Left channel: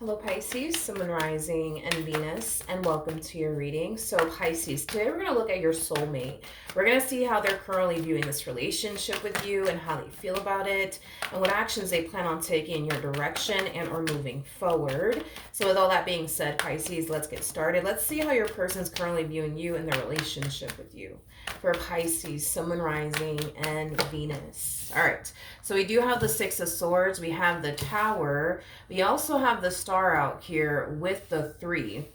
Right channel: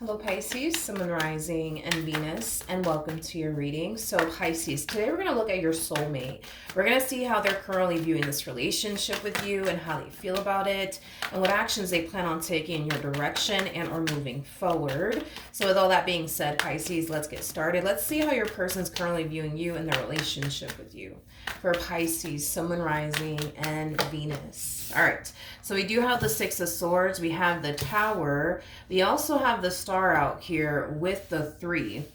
Hello Pisces, Sun, Rising, and Venus, and welcome to your reading. So Pisces, today we're going to look at your soulmate. We're going to see how they're currently viewing this relationship with you and how they feel about it and what actions they plan on taking in your direction and or moving forward. So with all that being said, Pisces, let's get started. Let's see how your person's currently viewing you and their relationship with you. For Pisces, Sun, Rising, and Venus. All right, so we do have the Six of Swords. We have the Tower. We also have the Star out here with the Three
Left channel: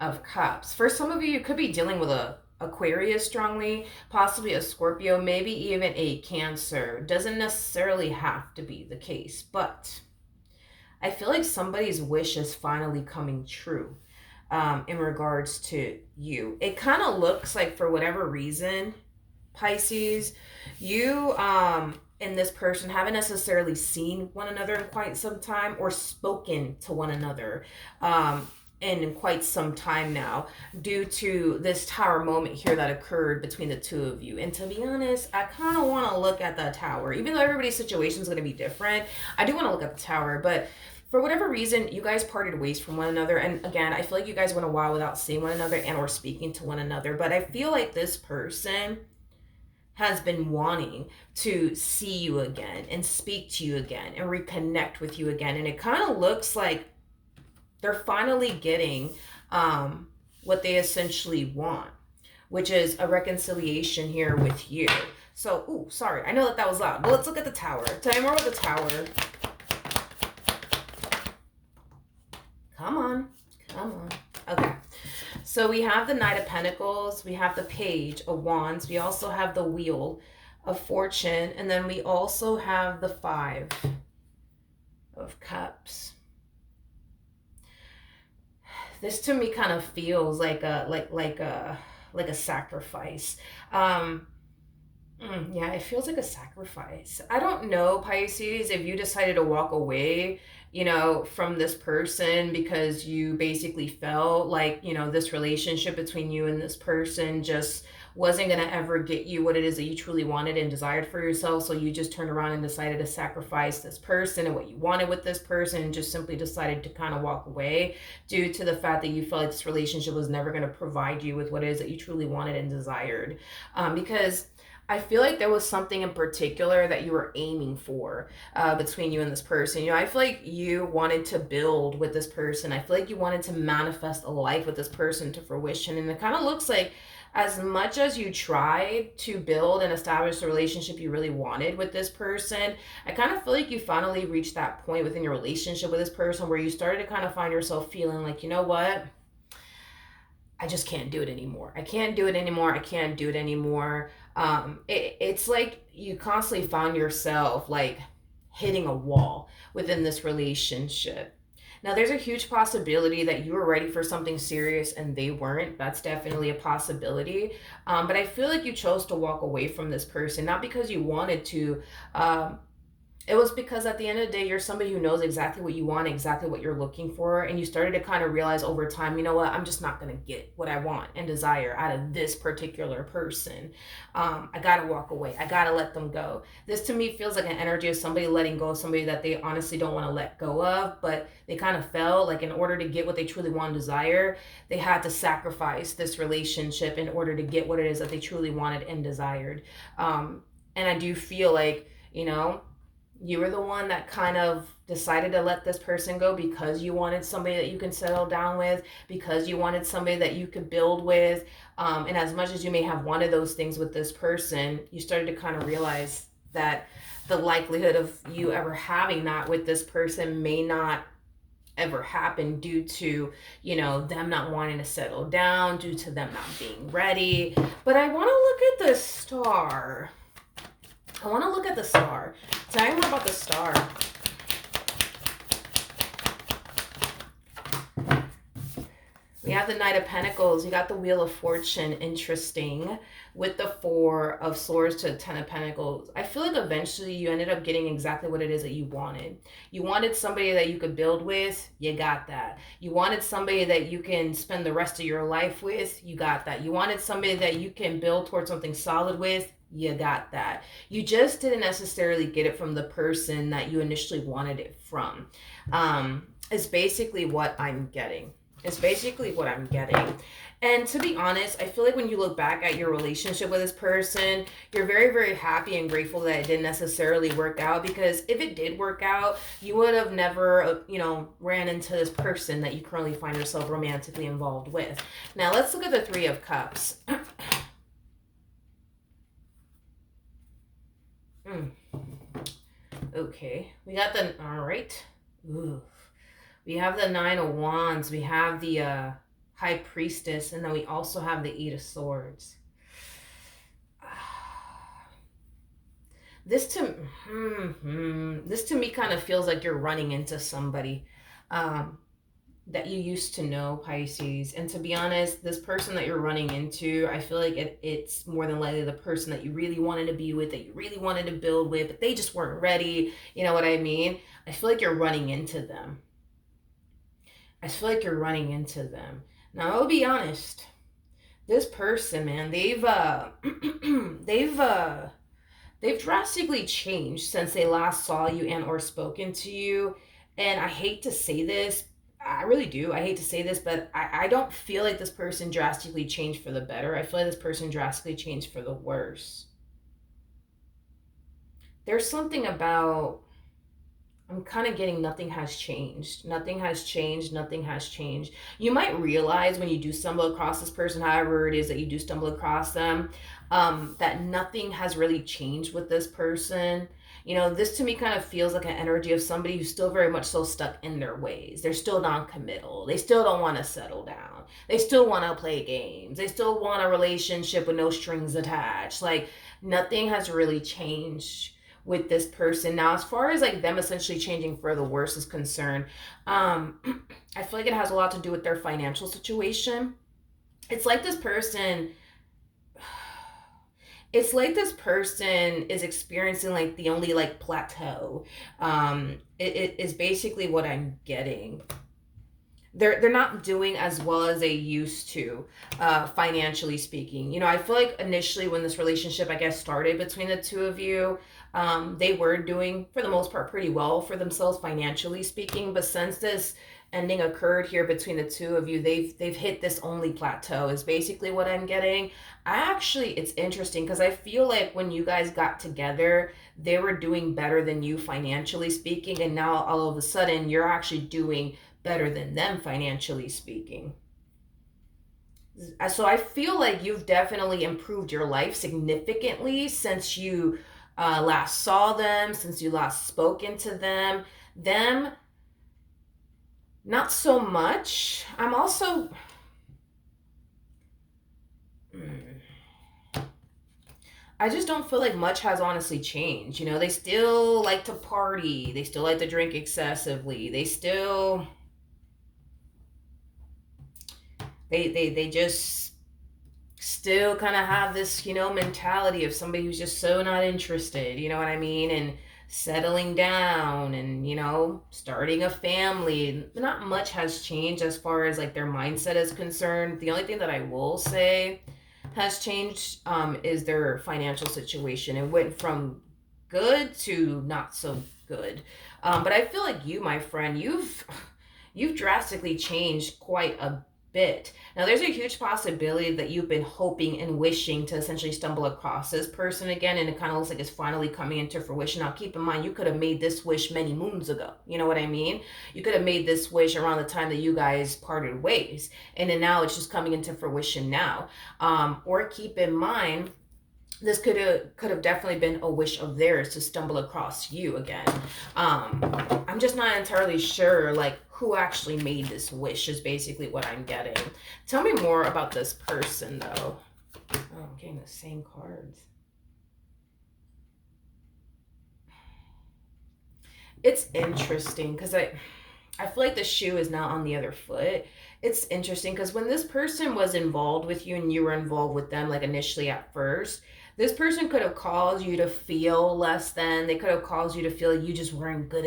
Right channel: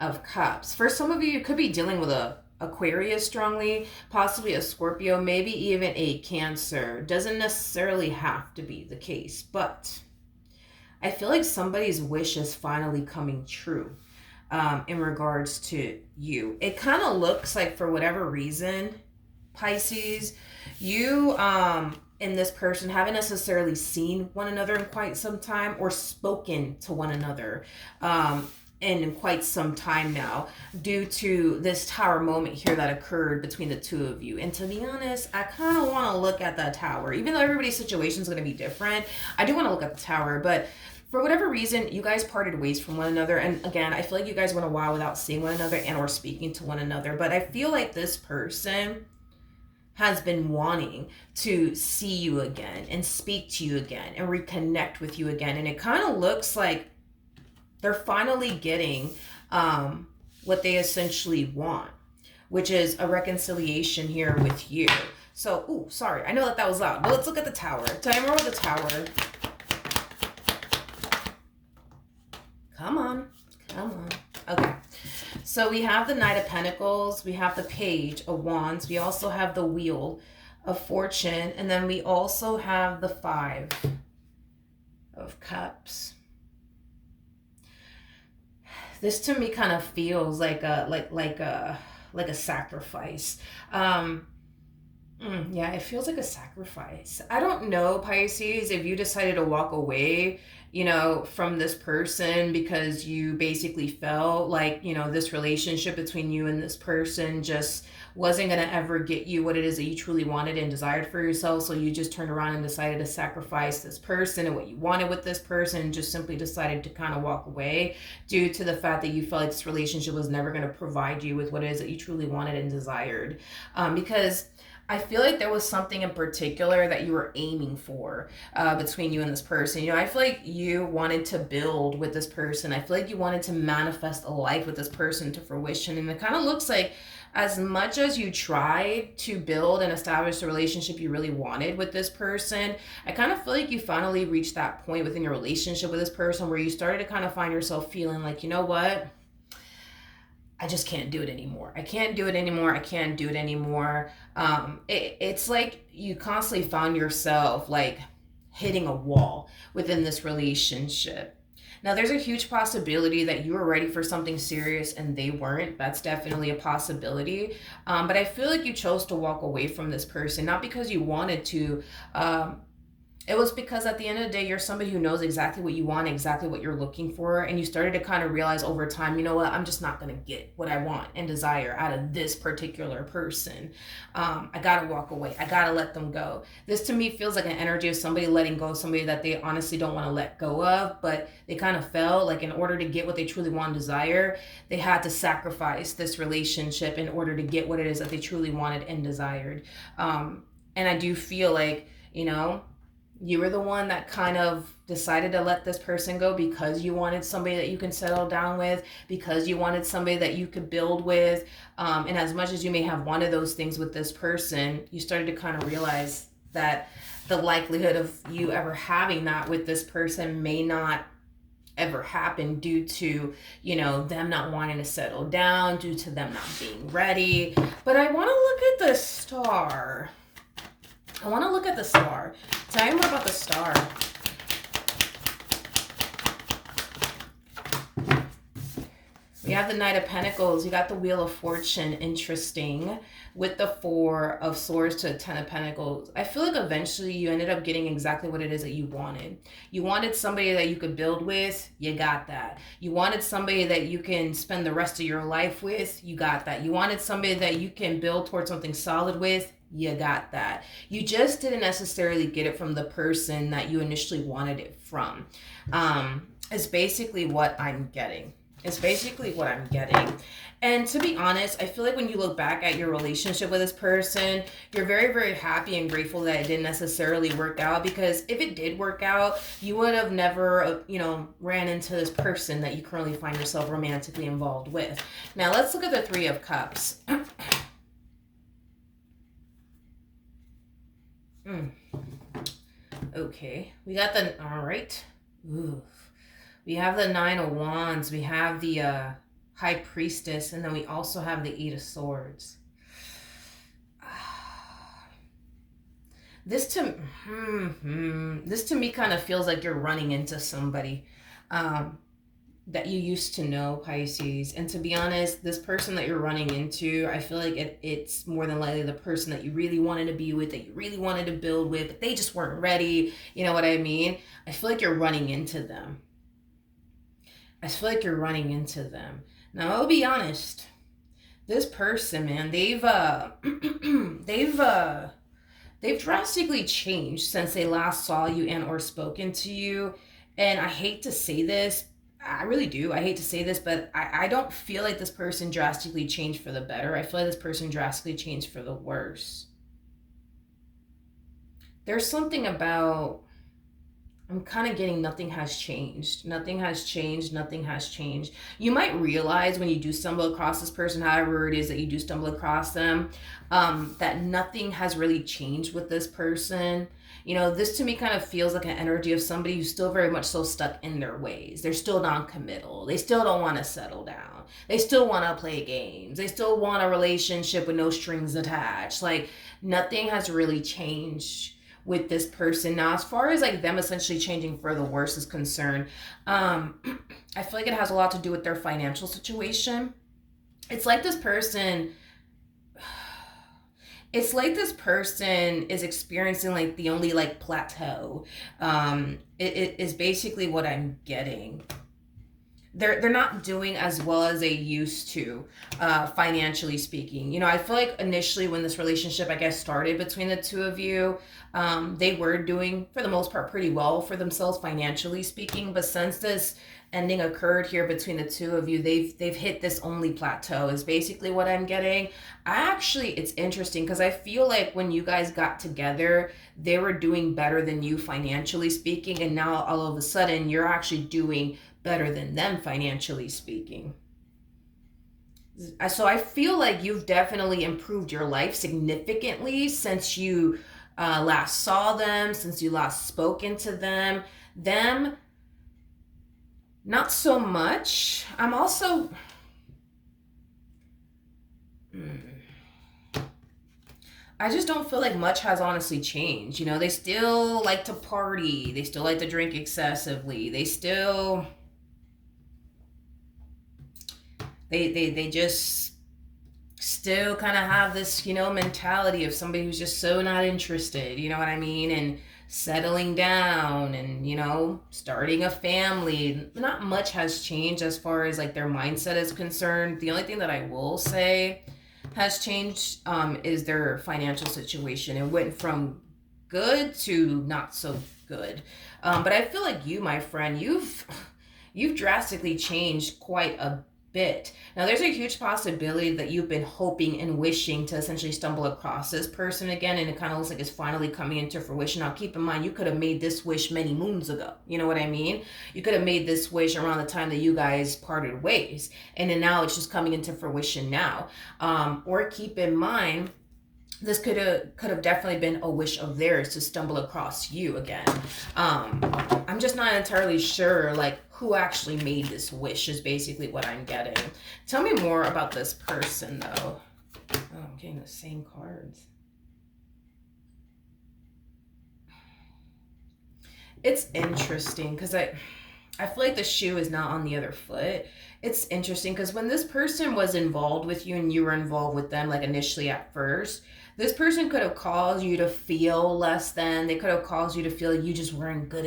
of Cups. For some of you, you could be dealing with a Aquarius strongly, possibly a Scorpio, maybe even a Cancer. Doesn't necessarily have to be the case, but I feel like somebody's wish is finally coming true. In regards to you, it kind of looks like, for whatever reason, Pisces, you and this person haven't necessarily seen one another in quite some time or spoken to one another in quite some time now, due to this Tower moment here that occurred between the two of you. And to be honest, I kind of want to look at that Tower, even though everybody's situation is going to be different. I do want to look at the Tower, but for whatever reason, you guys parted ways from one another. And again, I feel like you guys went a while without seeing one another and or speaking to one another. But I feel like this person has been wanting to see you again and speak to you again and reconnect with you again. And it kind of looks like they're finally getting what they essentially want, which is a reconciliation here with you. So, ooh, sorry. I know that was loud. But let's look at the Tower. Tell me more about the Tower. Come on. Okay. So we have the Knight of Pentacles. We have the Page of Wands. We also have the Wheel of Fortune. And then we also have the Five of Cups. This to me kind of feels like a sacrifice. Yeah, it feels like a sacrifice. I don't know, Pisces, if you decided to walk away, from this person because you basically felt like, this relationship between you and this person just wasn't going to ever get you what it is that you truly wanted and desired for yourself. So you just turned around and decided to sacrifice this person and what you wanted with this person and just simply decided to kind of walk away due to the fact that you felt like this relationship was never going to provide you with what it is that you truly wanted and desired. Because I feel like there was something in particular that you were aiming for between you and this person. I feel like you wanted to build with this person. I feel like you wanted to manifest a life with this person to fruition. And it kind of looks like, as much as you tried to build and establish the relationship you really wanted with this person, I kind of feel like you finally reached that point within your relationship with this person where you started to kind of find yourself feeling like, you know what? I just can't do it anymore. I can't do it anymore. It's like you constantly found yourself like hitting a wall within this relationship. Now, there's a huge possibility that you were ready for something serious and they weren't. That's definitely a possibility. But I feel like you chose to walk away from this person, not because you wanted to. It was because at the end of the day, you're somebody who knows exactly what you want, exactly what you're looking for. And you started to kind of realize over time, you know what, I'm just not going to get what I want and desire out of this particular person. I got to walk away. I got to let them go. This to me feels like an energy of somebody letting go of somebody that they honestly don't want to let go of, but they kind of felt like in order to get what they truly want and desire, they had to sacrifice this relationship in order to get what it is that they truly wanted and desired. And I do feel like, you were the one that kind of decided to let this person go because you wanted somebody that you can settle down with, because you wanted somebody that you could build with. And as much as you may have wanted those things with this person, you started to kind of realize that the likelihood of you ever having that with this person may not ever happen due to, them not wanting to settle down, due to them not being ready. But I want to look at the Star. Tell me more about the Star. We have the Knight of Pentacles. You got the Wheel of Fortune. Interesting. With the Four of Swords to the Ten of Pentacles. I feel like eventually you ended up getting exactly what it is that you wanted. You wanted somebody that you could build with. You got that. You wanted somebody that you can spend the rest of your life with. You got that. You wanted somebody that you can build towards something solid with. You got that. You just didn't necessarily get it from the person that you initially wanted it from. is basically what I'm getting. It's basically what I'm getting. And to be honest, I feel like when you look back at your relationship with this person, you're very, very happy and grateful that it didn't necessarily work out, because if it did work out, you would have never, ran into this person that you currently find yourself romantically involved with. Now, let's look at the Three of Cups. Okay, we got the, all right. Ooh. We have the Nine of Wands, we have the High Priestess, and then we also have the Eight of Swords. This to me kind of feels like you're running into somebody that you used to know, Pisces. And to be honest, this person that you're running into, I feel like it's more than likely the person that you really wanted to be with, that you really wanted to build with, but they just weren't ready. You know what I mean? I feel like you're running into them. Now, I'll be honest. This person, man, they've drastically changed since they last saw you and or spoken to you. And I hate to say this, I really do. I hate to say this, but I don't feel like this person drastically changed for the better. I feel like this person drastically changed for the worse. There's something about, I'm kind of getting nothing has changed. Nothing has changed. Nothing has changed. You might realize when you do stumble across this person, however it is that you do stumble across them, that nothing has really changed with this person. You know, this to me kind of feels like an energy of somebody who's still very much so stuck in their ways. They're still non-committal. They still don't want to settle down. They still want to play games. They still want a relationship with no strings attached. Like, nothing has really changed with this person. Now, as far as like them essentially changing for the worse is concerned, I feel like it has a lot to do with their financial situation. It's like this person is experiencing like the only like plateau. It is basically what I'm getting. They're not doing as well as they used to, financially speaking. You know, I feel like initially when this relationship, I guess, started between the two of you, they were doing, for the most part, pretty well for themselves financially speaking. But since this ending occurred here between the two of you, they've hit this only plateau is basically what I'm getting. It's interesting because I feel like when you guys got together, they were doing better than you financially speaking, and now all of a sudden you're actually doing better than them financially speaking. So I feel like you've definitely improved your life significantly since you last saw them, since you last spoken to them. Them, not so much. I'm also... I just don't feel like much has honestly changed. You know, they still like to party. They still like to drink excessively. They still... They just still kind of have this, mentality of somebody who's just so not interested, you know what I mean? And settling down and, starting a family. Not much has changed as far as like their mindset is concerned. The only thing that I will say has changed is their financial situation. It went from good to not so good. But I feel like you, my friend, you've drastically changed quite a bit. Now, there's a huge possibility that you've been hoping and wishing to essentially stumble across this person again, and it kind of looks like it's finally coming into fruition. Now, keep in mind, you could have made this wish many moons ago. You know what I mean? You could have made this wish around the time that you guys parted ways, and then now it's just coming into fruition now. Or keep in mind, this could have definitely been a wish of theirs to stumble across you again. I'm just not entirely sure, like, who actually made this wish is basically what I'm getting. Tell me more about this person, though. Oh, I'm getting the same cards. It's interesting because I feel like the shoe is now on the other foot. It's interesting because when this person was involved with you and you were involved with them, like initially at first, this person could have caused you to feel less than. They could have caused you to feel you just weren't good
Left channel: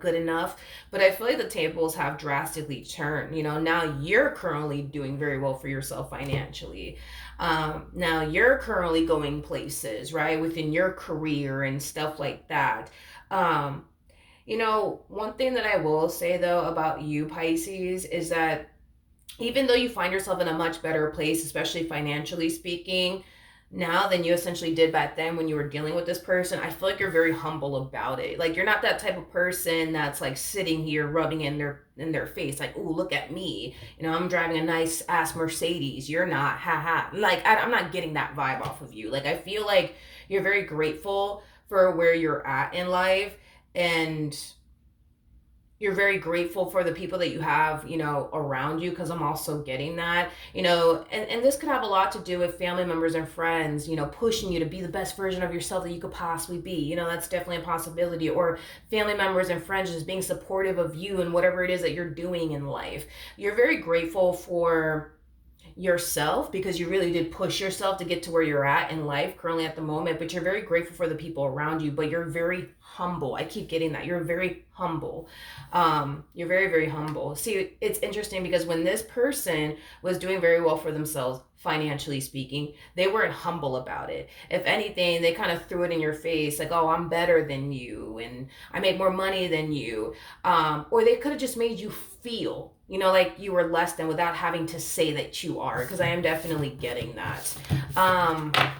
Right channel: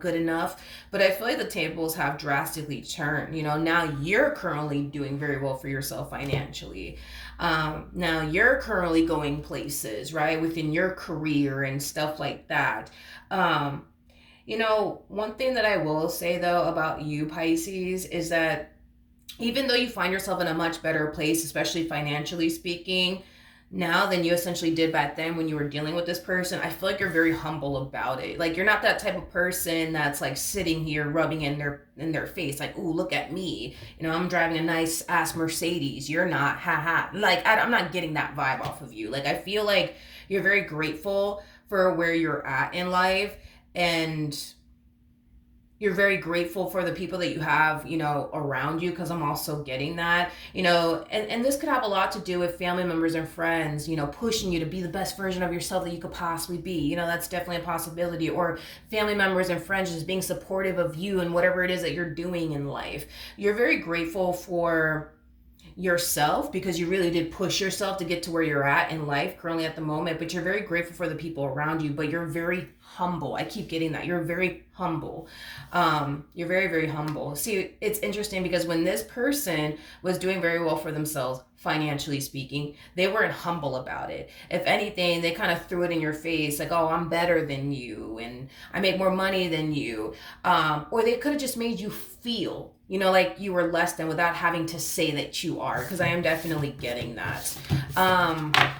good enough. But I feel like the tables have drastically turned. Now you're currently doing very well for yourself financially. Now you're currently going places, right, within your career and stuff like that. You know, one thing that I will say though about you, Pisces, is that even though you find yourself in a much better place, especially financially speaking, now than you essentially did back then when you were dealing with this person, I feel like you're very humble about it. Like you're not that type of person that's like sitting here rubbing in their face, like, "Ooh, look at me. You know, I'm driving a nice ass Mercedes. You're not, haha." Like I'm not getting that vibe off of you. Like I feel like you're very grateful for where you're at in life, and you're very grateful for the people that you have, around you, because I'm also getting that, and this could have a lot to do with family members and friends, pushing you to be the best version of yourself that you could possibly be. That's definitely a possibility. Or family members and friends just being supportive of you and whatever it is that you're doing in life. You're very grateful for yourself because you really did push yourself to get to where you're at in life currently at the moment, but you're very grateful for the people around you, but you're very humble. I keep getting that. You're very humble. You're very, very humble. See, it's interesting because when this person was doing very well for themselves, financially speaking, they weren't humble about it. If anything, they kind of threw it in your face like, "Oh, I'm better than you and I make more money than you." Or they could have just made you feel, like you were less than without having to say that you are, because I am definitely getting that.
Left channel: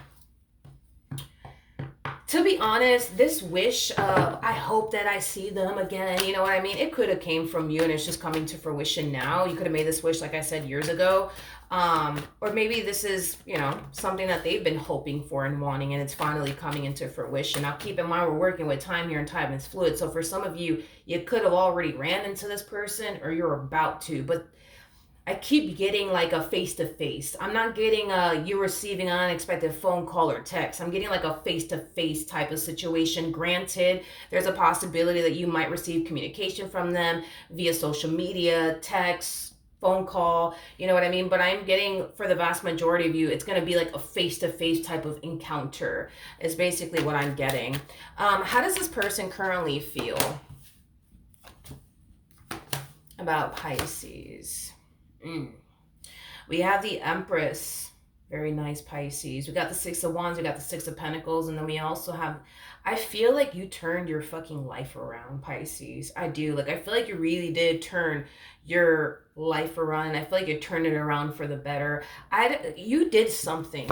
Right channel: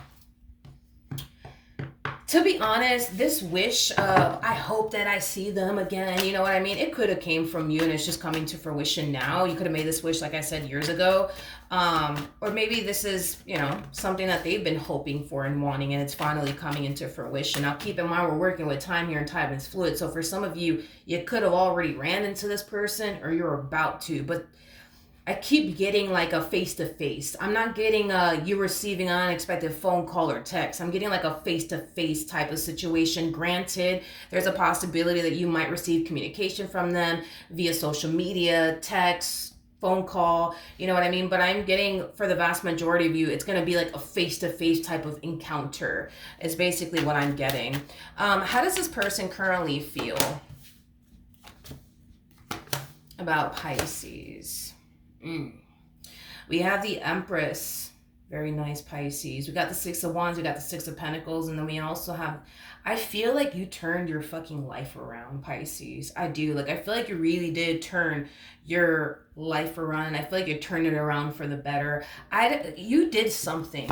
To be honest, this wish of, I hope that I see them again, you know what I mean? It could have came from you and it's just coming to fruition now. You could have made this wish, like I said, years ago. Or maybe this is, something that they've been hoping for and wanting, and it's finally coming into fruition. Now, keep in mind, we're working with time here, and time is fluid. So for some of you, you could have already ran into this person or you're about to, but I keep getting like a face to face. I'm not getting you receiving an unexpected phone call or text. I'm getting like a face to face type of situation. Granted, there's a possibility that you might receive communication from them via social media, text, phone call, you know what I mean? But I'm getting, for the vast majority of you, it's going to be like a face to face type of encounter, is basically what I'm getting. How does this person currently feel about Pisces? We have the Empress. Very nice, Pisces. We got the Six of Wands. We got the Six of Pentacles. And then we also have, I feel like you turned your fucking life around, Pisces. I do. Like, I feel like you really did turn your life around. I feel like you turned it around for the better. You did something.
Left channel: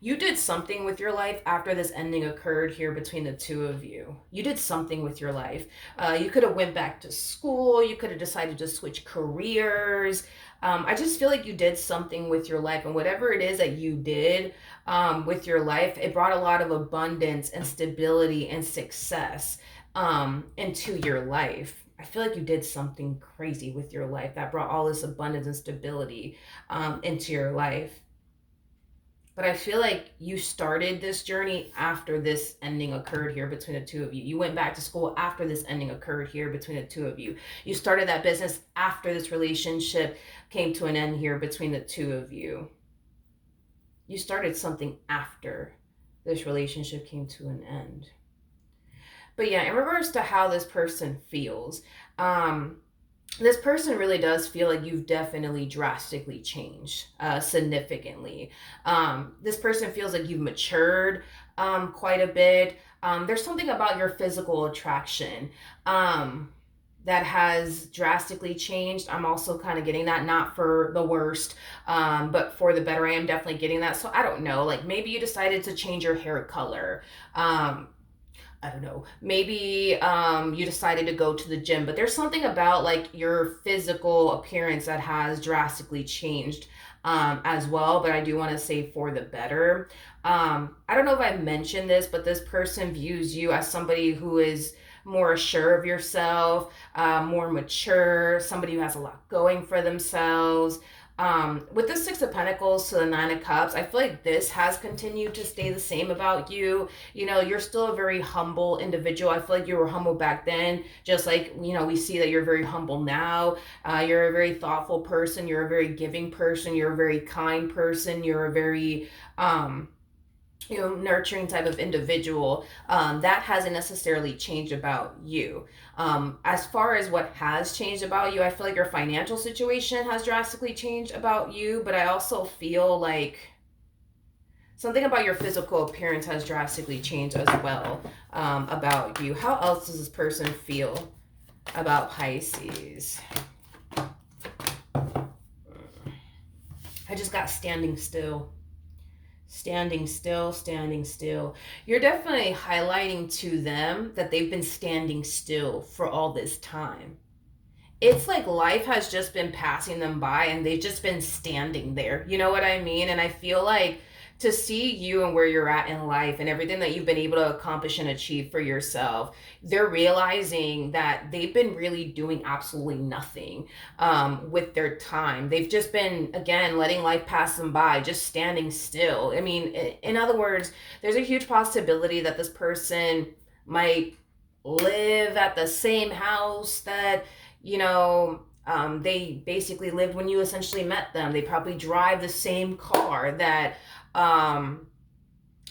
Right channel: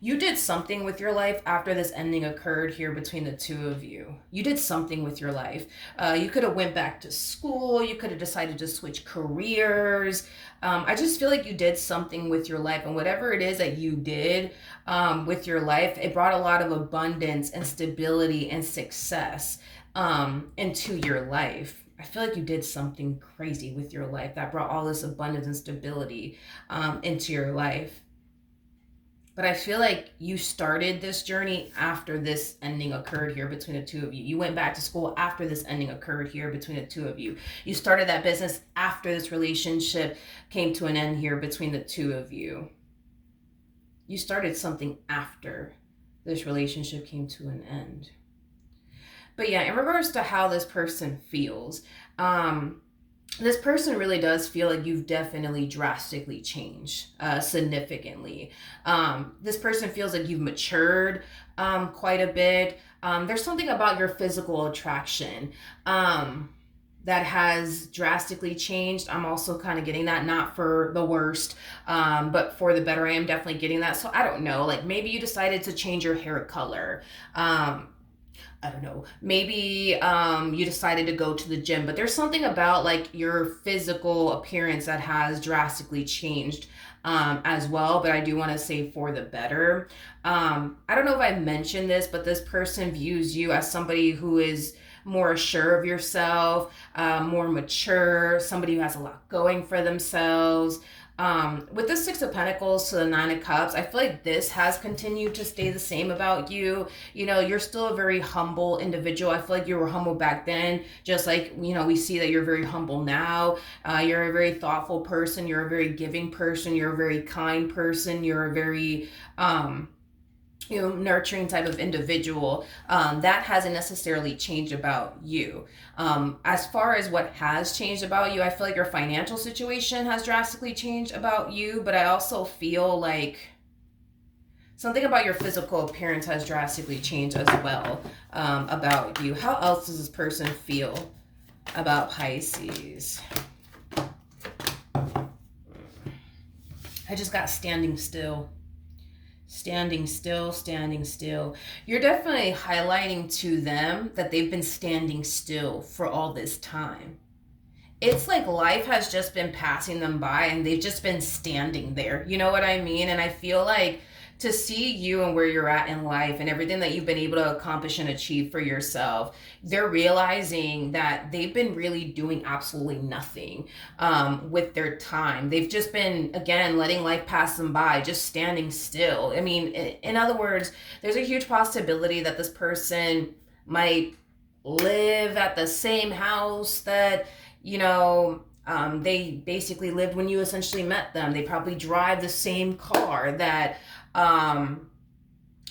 You did something with your life after this ending occurred here between the two of you. You did something with your life. You could have went back to school. You could have decided to switch careers. I just feel like you did something with your life. And whatever it is that you did with your life, it brought a lot of abundance and stability and success into your life. I feel like you did something crazy with your life that brought all this abundance and stability into your life. But I feel like you started this journey after this ending occurred here between the two of you. You went back to school after this ending occurred here between the two of you. You started that business after this relationship came to an end here between the two of you. You started something after this relationship came to an end. But yeah, in regards to how this person feels, this person really does feel like you've definitely drastically changed significantly. This person feels like you've matured quite a bit. There's something about your physical attraction that has drastically changed. I'm also kind of getting that, not for the worst, but for the better. I am definitely getting that. So I don't know, like maybe you decided to change your hair color. I don't know, maybe you decided to go to the gym, but there's something about like your physical appearance that has drastically changed as well. But I do want to say for the better. I don't know if I mentioned this, but this person views you as somebody who is more assured of yourself, more mature, somebody who has a lot going for themselves. With the Six of Pentacles to the Nine of Cups, I feel like this has continued to stay the same about you. You're still a very humble individual. I feel like you were humble back then, just like, we see that you're very humble now. You're a very thoughtful person. You're a very giving person. You're a very kind person. You're a very, nurturing type of individual. That hasn't necessarily changed about you. As far as what has changed about you, I feel like your financial situation has drastically changed about you, but I also feel like Something about your physical appearance has drastically changed as well, about you. How else does this person feel about Pisces? I just got standing still. Standing still, standing still. You're definitely highlighting to them that they've been standing still for all this time. It's like life has just been passing them by and they've just been standing there. You know what I mean? And I feel like to see you and where you're at in life and everything that you've been able to accomplish and achieve for yourself, they're realizing that they've been really doing absolutely nothing with their time. They've just been, again, letting life pass them by, just standing still. I mean, in other words, there's a huge possibility that this person might live at the same house that, they basically lived when you essentially met them. They probably drive the same car that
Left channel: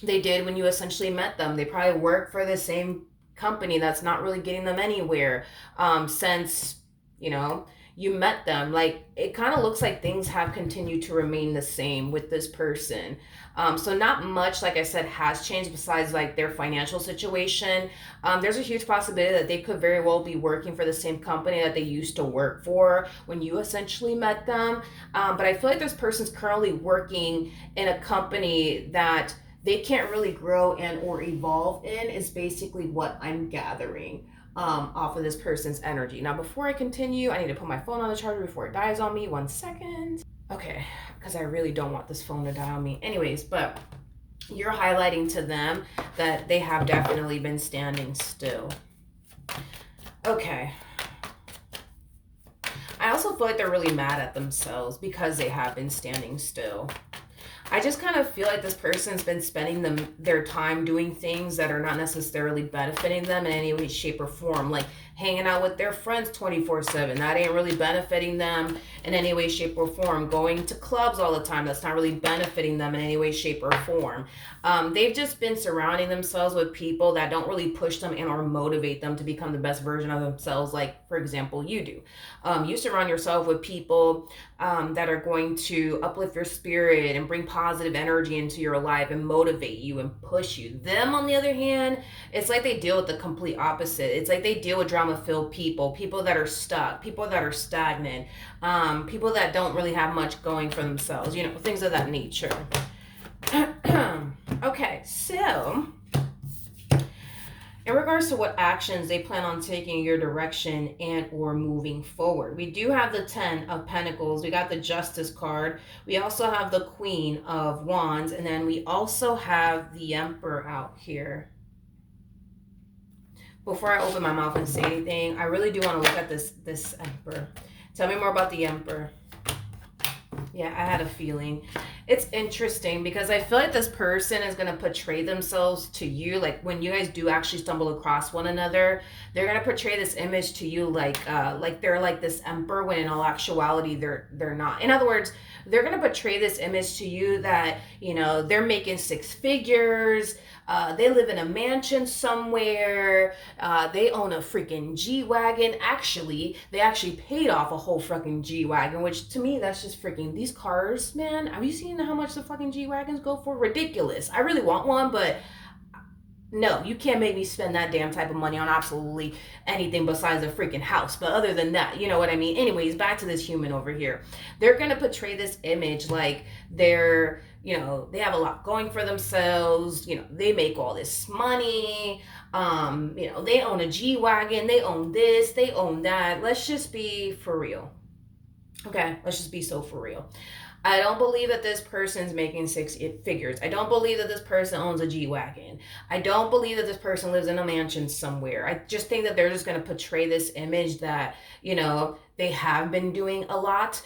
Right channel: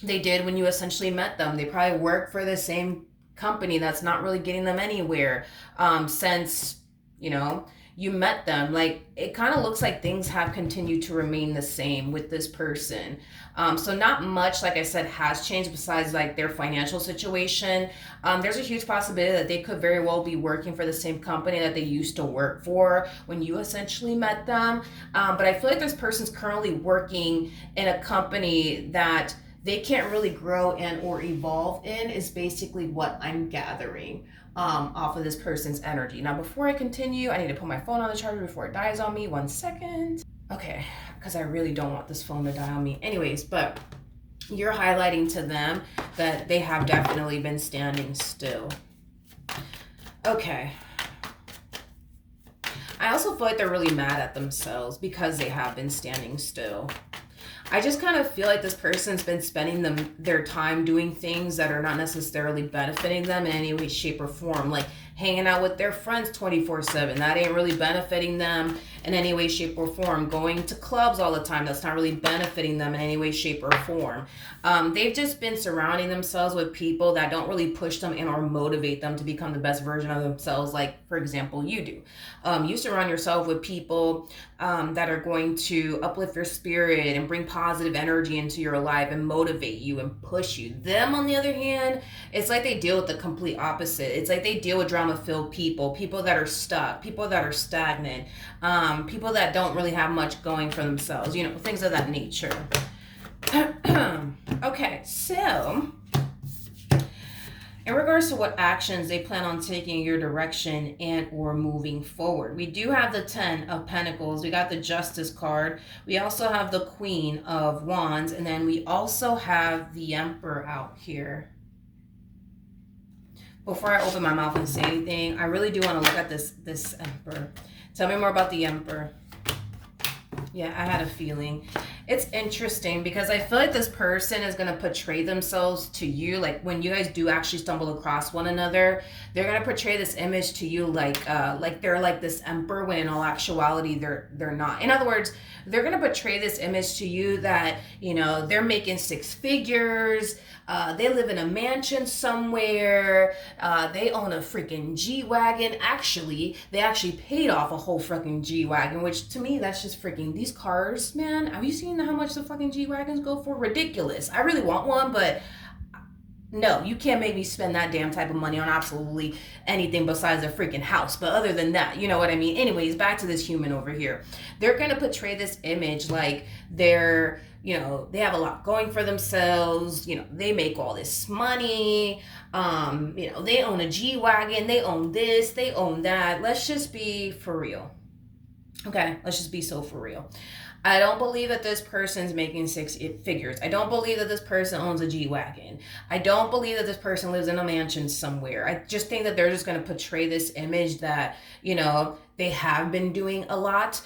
they did when you essentially met them. They probably work for the same company that's not really getting them anywhere since, you met them. Like, it kind of looks like things have continued to remain the same with this person. So not much, like I said, has changed besides like their financial situation. There's a huge possibility that they could very well be working for the same company that they used to work for when you essentially met them. But I feel like this person's currently working in a company that they can't really grow in or evolve in, is basically what I'm gathering off of this person's energy. Now, before I continue, I need to put my phone on the charger before it dies on me. 1 second. Okay, because I really don't want this phone to die on me. Anyways, but you're highlighting to them that they have definitely been standing still. Okay. I also feel like they're really mad at themselves because they have been standing still. I just kind of feel like this person's been spending their time doing things that are not necessarily benefiting them in any way, shape, or form. Like hanging out with their friends 24/7. That ain't really benefiting them in any way, shape, or form. Going to clubs all the time. That's not really benefiting them in any way, shape, or form. They've just been surrounding themselves with people that don't really push them and or motivate them to become the best version of themselves. Like, for example, you do. You surround yourself with people that are going to uplift your spirit and bring positive energy into your life and motivate you and push you. Them, on the other hand, it's like they deal with the complete opposite. It's like they deal with drama-filled people that are stuck, people that are stagnant, people that don't really have much going for themselves, things of that nature. Okay, so in regards to what actions they plan on taking in your direction and or moving forward, we do have the 10 of Pentacles. We got the Justice card. We also have the Queen of Wands. And then we also have the Emperor out here. Before I open my mouth and say anything, I really do want to look at this Emperor. Tell me more about the Emperor. Yeah, I had a feeling. It's interesting because I feel like this person is going to portray themselves to you, like when you guys do actually stumble across one another, they're going to portray this image to you like they're like this emperor, when in all actuality they're not. In other words, they're going to portray this image to you that, they're making 6 figures, they live in a mansion somewhere, they own a freaking G-Wagon. Actually, they actually paid off a whole fucking G-Wagon, which to me, that's just freaking, these cars, man, have you seen how much the fucking G-Wagons go for? Ridiculous. I really want one, but no, you can't make me spend that damn type of money on absolutely anything besides a freaking house. But other than that, you know what I mean? Anyways, back to this human over here. They're going to portray this image like they're, they have a lot going for themselves. They make all this money. They own a G-Wagon. They own this. They own that. Let's just be for real. Okay, let's just be so for real. I don't believe that this person's making 6 figures. I don't believe that this person owns a G-Wagon. I don't believe that this person lives in a mansion somewhere. I just think that they're just going to portray this image that, they have been doing a lot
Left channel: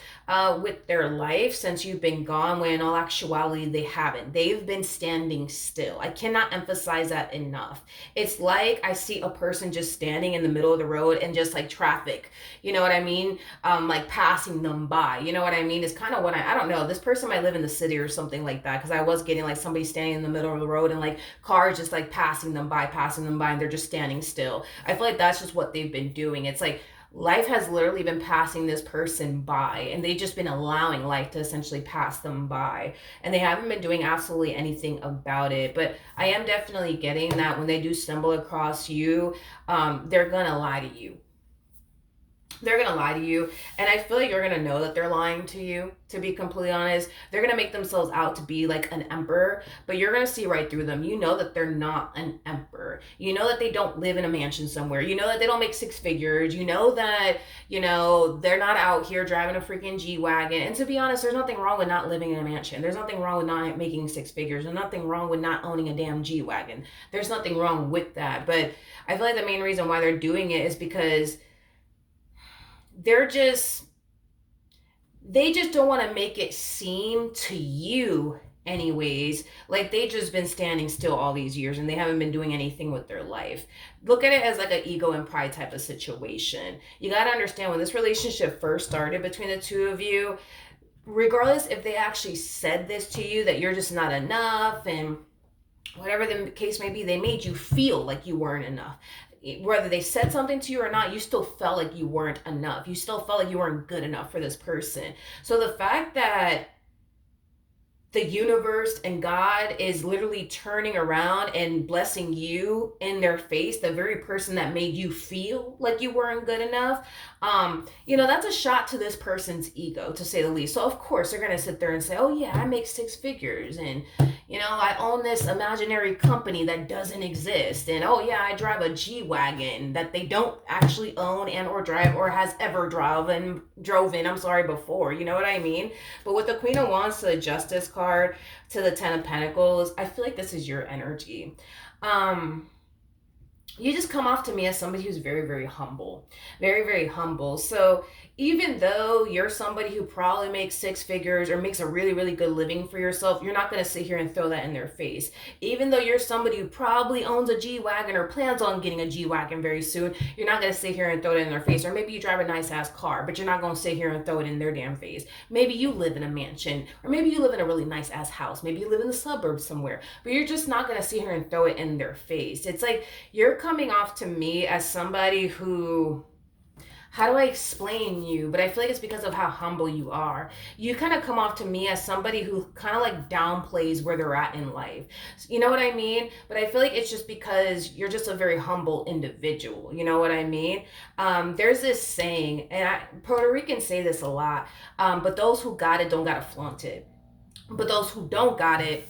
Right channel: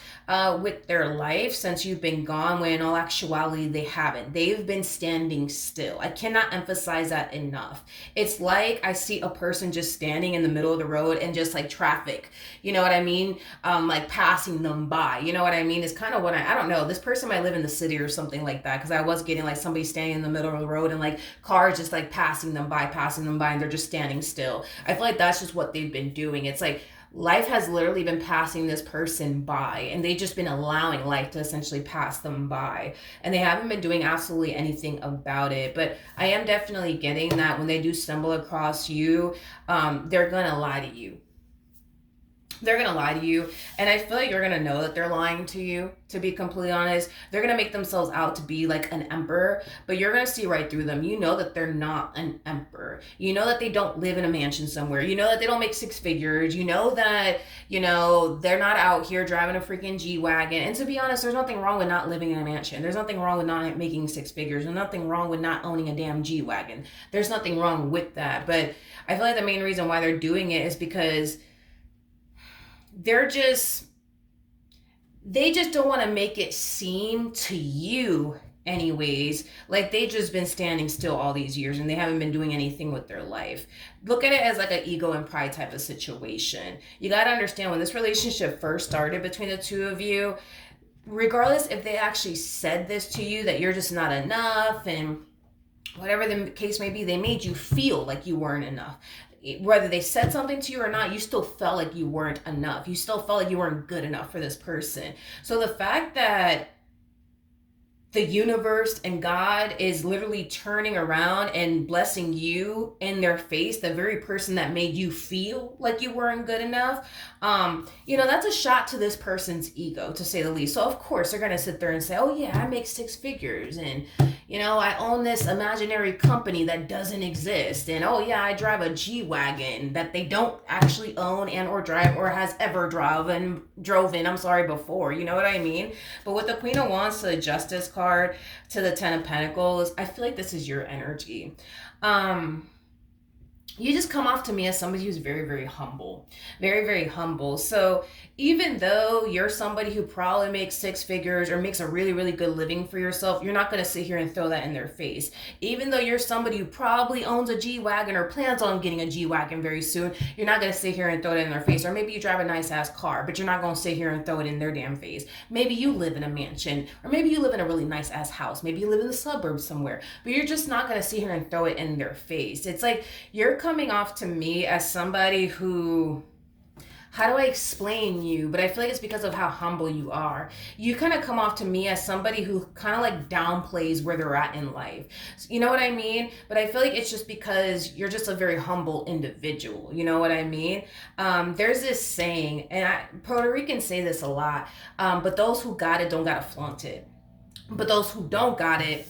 with their life since you've been gone, when in all actuality they haven't. They've been standing still. I cannot emphasize that enough. It's like I see a person just standing in the middle of the road and just like traffic, you know what I mean? Like passing them by, you know what I mean? It's kind of what I don't know. This person might live in the city or something like that, because I was getting like somebody standing in the middle of the road and like cars just like passing them by, and they're just standing still. I feel like that's just what they've been doing. It's like life has literally been passing this person by, and they've just been allowing life to essentially pass them by, and they haven't been doing absolutely anything about it. But I am definitely getting that when they do stumble across you, they're gonna lie to you. They're gonna lie to you, and I feel like you're gonna know that they're lying to you. To be completely honest, they're gonna make themselves out to be like an emperor, but you're gonna see right through them. You know that they're not an emperor. You know that they don't live in a mansion somewhere. You know that they don't make six figures. You know that, they're not out here driving a freaking G-Wagon. And to be honest, there's nothing wrong with not living in a mansion. There's nothing wrong with not making six figures. There's nothing wrong with not owning a damn G-Wagon. There's nothing wrong with that. But I feel like the main reason why they're doing it is because they're just they just don't want to make it seem to you anyways like they just been standing still all these years and they haven't been doing anything with their life. Look at it as like an ego and pride type of situation. You got to understand, when this relationship first started between the two of you, regardless if they actually said this to you, that you're just not enough and whatever the case may be, they made you feel like you weren't enough. Whether they said something to you or not, you still felt like you weren't enough. You still felt like you weren't good enough for this person. So the fact that the universe and God is literally turning around and blessing you in their face, the very person that made you feel like you weren't good enough, that's a shot to this person's ego, to say the least. So of course they're gonna sit there and say, oh yeah, I make six figures, and I own this imaginary company that doesn't exist, and oh yeah, I drive a G-Wagon that they don't actually own and or drive or has ever drove in before. You know what I mean? But with the Queen of Wands to the Justice card to the Ten of Pentacles, I feel like this is your energy. You just come off to me as somebody who's very, very humble. Very, very humble. So even though you're somebody who probably makes six figures or makes a really, really good living for yourself, you're not going to sit here and throw that in their face. Even though you're somebody who probably owns a G-Wagon or plans on getting a G-Wagon very soon, you're not going to sit here and throw it in their face. Or maybe you drive a nice ass car, but you're not going to sit here and throw it in their damn face. Maybe you live in a mansion, or maybe you live in a really nice ass house. Maybe you live in the suburbs somewhere, but you're just not going to sit here and throw it in their face. It's like you're coming off to me as somebody who, how do I explain you? But I feel like it's because of how humble you are. You kind of come off to me as somebody who kind of like downplays where they're at in life. You know what I mean? But I feel like it's just because you're just a very humble individual. You know what I mean? There's this saying, and Puerto Ricans say this a lot, but those who got it don't got to flaunt it. But those who don't got it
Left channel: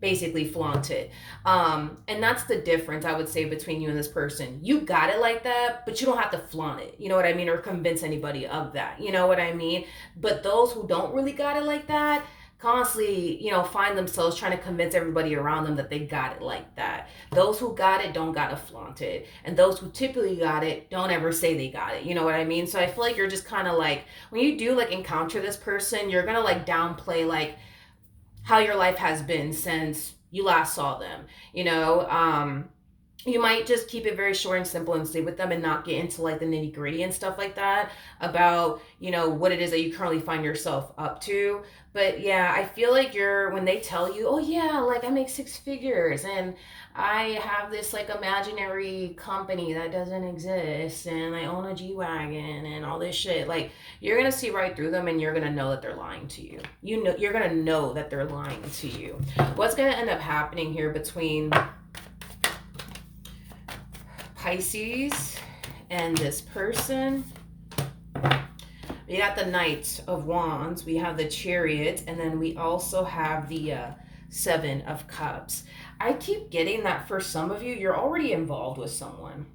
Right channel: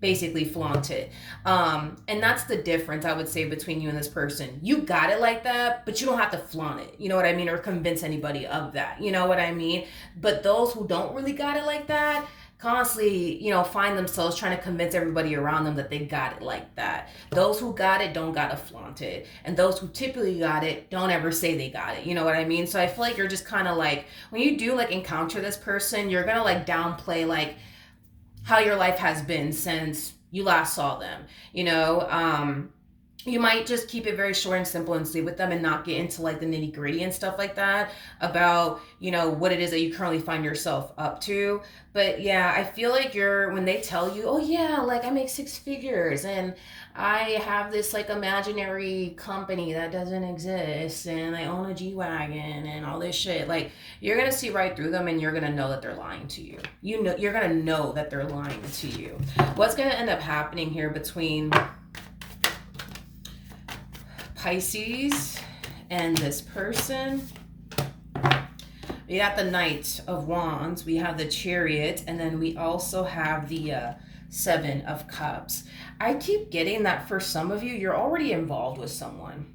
basically flaunt it. And that's the difference, I would say, between you and this person. You got it like that, but you don't have to flaunt it. You know what I mean? Or convince anybody of that. You know what I mean? But those who don't really got it like that constantly, find themselves trying to convince everybody around them that they got it like that. Those who got it don't got to flaunt it. And those who typically got it don't ever say they got it. You know what I mean? So I feel like you're just kind of like, when you do like encounter this person, you're going to like downplay like how your life has been since you last saw them. You might just keep it very short and simple and sleep with them and not get into like the nitty gritty and stuff like that about, what it is that you currently find yourself up to. But yeah, I feel like when they tell you, oh yeah, like I make six figures and I have this like imaginary company that doesn't exist and I own a G-Wagon and all this shit, like you're going to see right through them and you're going to know that they're lying to you. You're going to know that they're lying to you. What's going to end up happening here between Pisces and this person? We got the Knight of Wands, we have the Chariot, and then we also have the Seven of Cups. I keep getting that for some of you, you're already involved with someone.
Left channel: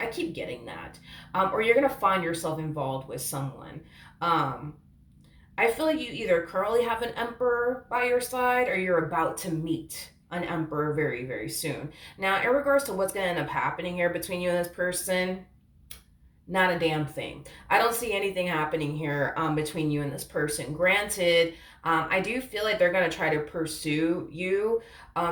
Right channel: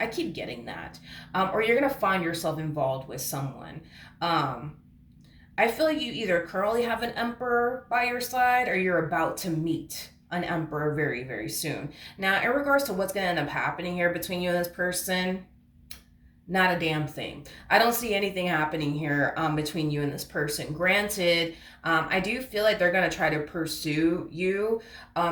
I keep getting that. Or you're going to find yourself involved with someone. I feel like you either currently have an emperor by your side or you're about to meet an emperor very, very soon. Now, in regards to what's going to end up happening here between you and this person, not a damn thing. I don't see anything happening here between you and this person. Granted, I do feel like they're going to try to pursue you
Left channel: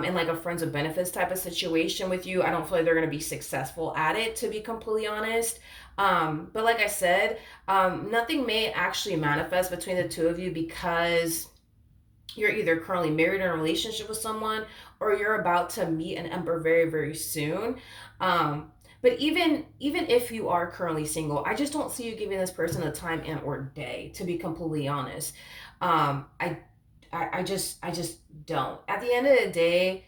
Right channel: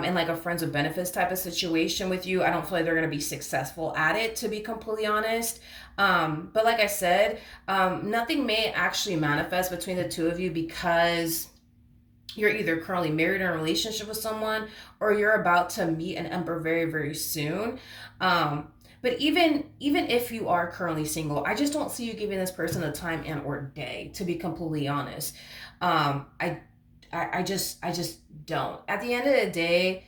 in like a friends with benefits type of situation with you. I don't feel like they're going to be successful at it, to be completely honest. But like I said, nothing may actually manifest between the two of you because you're either currently married in a relationship with someone or you're about to meet an emperor very, very soon. But even if you are currently single, I just don't see you giving this person a time and or day, to be completely honest. um i I just don't. At the end of the day,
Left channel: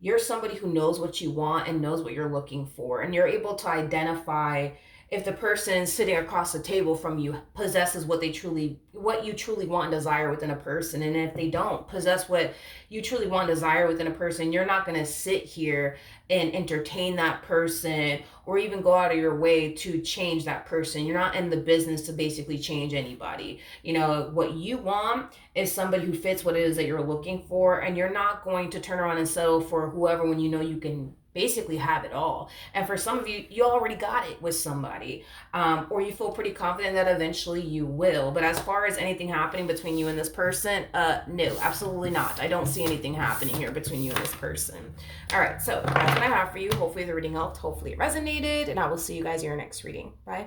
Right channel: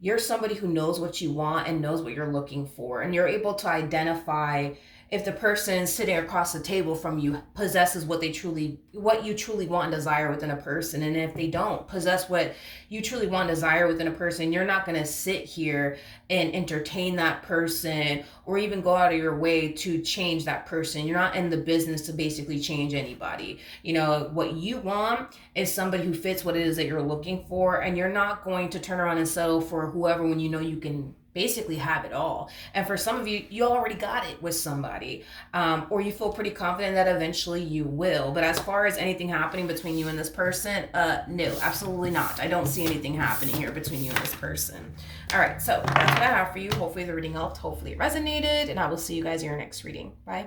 you're somebody who knows what you want and knows what you're looking for, and you're able to identify if the person sitting across the table from you possesses what you truly want and desire within a person. And if they don't possess what you truly want and desire within a person, you're not going to sit here and entertain that person or even go out of your way to change that person. You're not in the business to basically change anybody. You know what you want is somebody who fits what it is that you're looking for, and you're not going to turn around and settle for whoever when you know you can basically have it all. And for some of you, you already got it with somebody, or you feel pretty confident that eventually you will. But as far as anything happening between you and this person, no, absolutely not. I don't see anything happening here between you and this person. All right, so that's what I have for you. Hopefully the reading helped, hopefully it resonated, and I will see you guys in your next reading. Bye.